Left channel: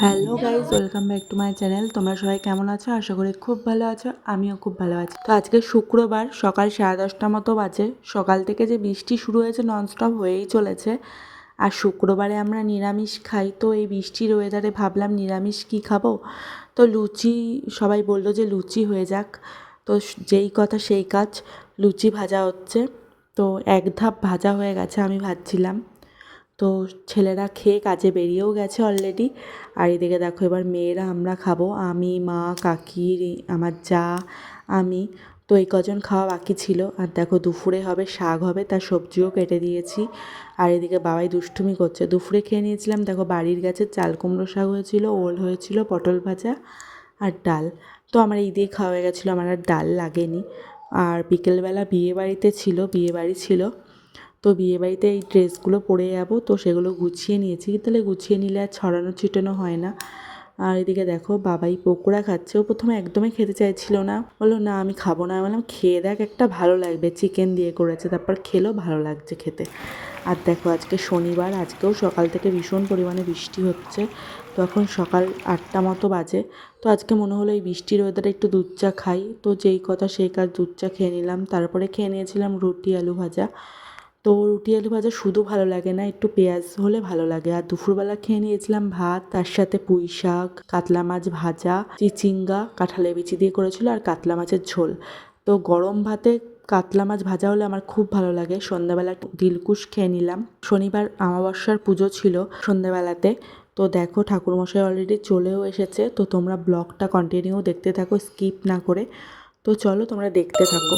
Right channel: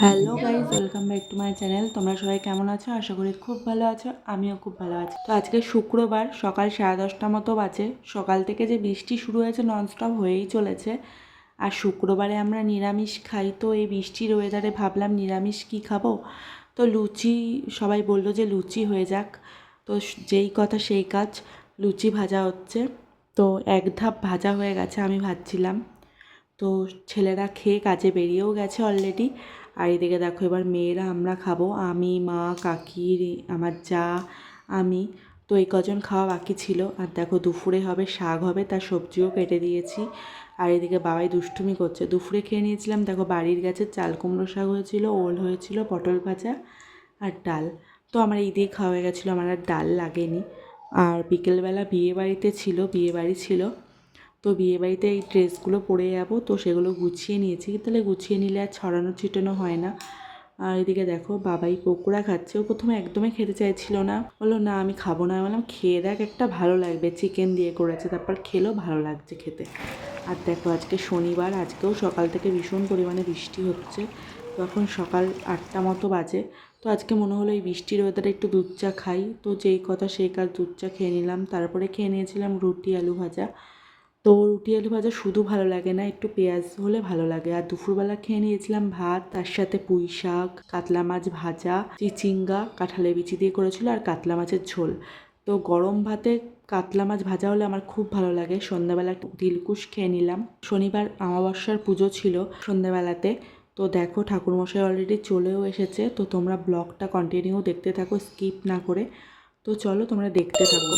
Hello guys, welcome back to my channel. তোমরা সবাই কেমন আছো? আশা করি খুব ভালো আছো, আমিও খুব ভালো আছি। তো আজকে শুক্রবার সকাল 10:30 মতো বাজে। সকাল থেকে যে বৃষ্টি শুরু হয়েছে ননস্টপ হয়েই চলেছে। আর শুক্রবারে আমরা নিরামিষ খাই, তো এই বৃষ্টির ওয়েদারে ভাবলাম নিরামিষ কী খাবো। তো লুচি, সবাই বললো যে লুচি হয়ে যাক। তো যেই কথা সেই কাজ, লুচি ভাজা হচ্ছে। তো এক ধাপ ভাজা হয়ে গেছে, আমি ভাজছিলাম। তো ছেলেরা খেয়ে কাজে বেরিয়েও গেছে অলরেডি। আর এদিকে দেখো এবার মেয়েরা আমরা খাবো, আমি, মা, কাকি, আমার যা, আমি। তো এই কজন খাওয়া বাকি ছিল। আর দেখো দুপুরে হবে শাক হবে, তার সবজিও কেটে দিয়েছি। আর এদিকে বাবাই দুষ্টুমি করছে। দুপুরে খেয়ে নিয়েছিলাম দেখো বাড়ির গাছের চাল কুমড়ো শাক হয়েছিল, ওল হয়েছিল, পটল ভাজা আর ডাল। তো আমার এই দিয়েই খাওয়া হয়ে গেছিলো, আমার আর ডাল লাগেনি। আর বিকেলবেলা বিয়েবাড়ি ছিল। তো বিয়েবাড়িতে এই ড্রেসগুলো পরে যাব, তো সেগুলো গুছিয়ে নিয়েছি। তাহলে গুছিয়ে নিলে আর ছড়ানো ছিটানো হয় না। আর এদিকে দেখো বাবাই পকোড়া খাচ্ছে। ও প্রথমে একদমই খেতে চাইছিল না, বললো না আমি খাবো না। বললাম খেয়ে দেখ, একটা ভালো লাগবে, চিকেন দিয়ে করেছে। তারপর খেলো, ভালো লাগছে খেতে। আর দেখো আজকে শনিবার, আজকেও সকাল থেকে ভীষণ পরিমাণে বৃষ্টি হচ্ছে। তো এখন সকাল 8টা মতো বাজে। তো আজকে মনে হলো এই বৃষ্টির ওয়েদারে একটু দুধ চা খাই। তো যেই কথা সেই কাজ, দুধ চা খেয়ে নিলাম। তারপরে খেয়ে নিয়েছিলাম রুটি আলু ভাজা। তো রুটি আলু ভাজা শুধু ভালো লাগে না, একটু পেঁয়াজ হলে ভালো লাগে। আর দুপুরবেলা খেয়ে নিয়েছিলাম ভাত, তার সাথে পুঁই শাক, কাতলা মাছ ভাজা, চিচিঙ্গা কাঁঠালের বিচি দিয়ে করেছিল, আর কাতলা মাছের ঝোল। তো গরম ভাতে কাতলা মাছ ভাজা হলে আমার খুব ভালো লাগে। সন্ধ্যাবেলা দিলকুশ খেয়ে নিলাম। শনিবার অমাবস্যার পুজো ছিল সন্ধ্যাবেলাতে। তো দেখো ঠাকুরমশাই অলরেডি চলেও এসেছে। তো তোমরা ব্লগটা কন্টিনিউ দেখতে থাকো, স্কিপ না করে। তো চলো তোমরা দেখতে থাকো।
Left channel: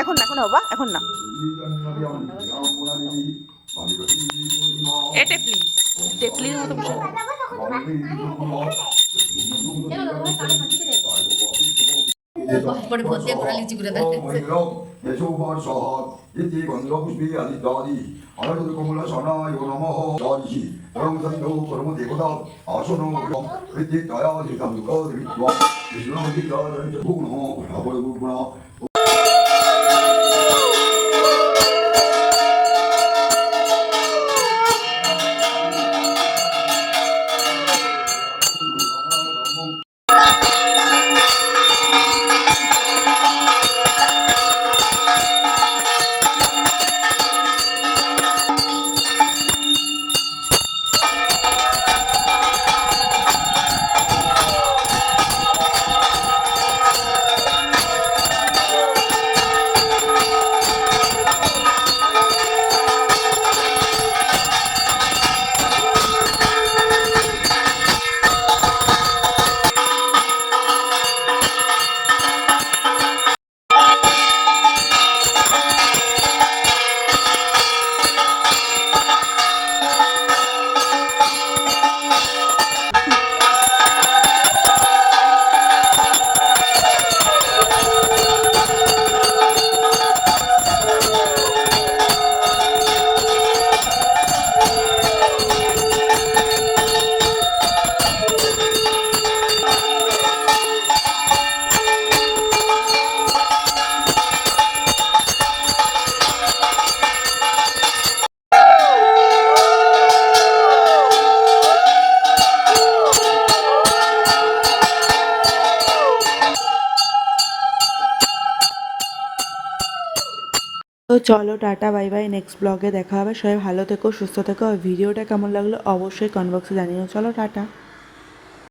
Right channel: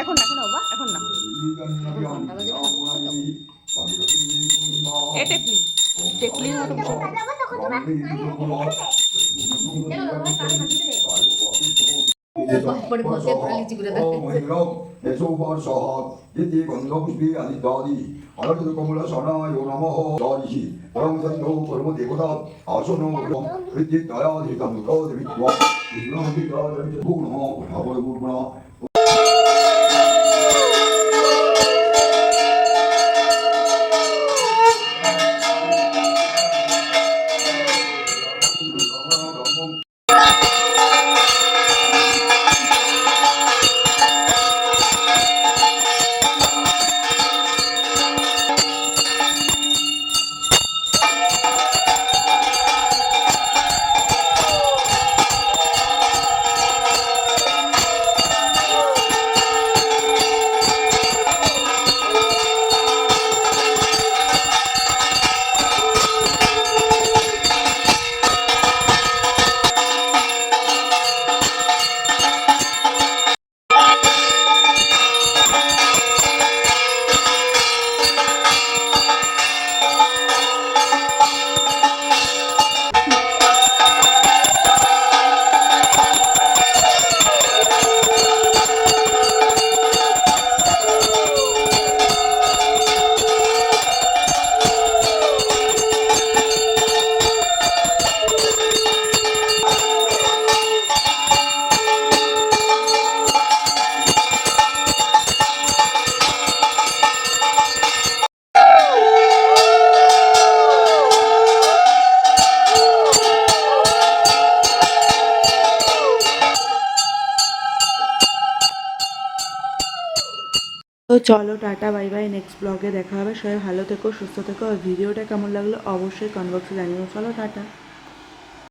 এখন না, এখন না বাবা, এখন না। এ টেপলি টেপলির মতো বসে পরে মধ্যে ঘোরা লিচি করে দেখাচ্ছে তো চলো টাটা বাই বাই, নেক্সট ব্লগে দেখা হবে। সবাই ভালো থেকো, সুস্থ থেকো। আর ভিডিওটা কেমন লাগলো অবশ্যই কমেন্ট বক্সে জানিও। চলো টাটা।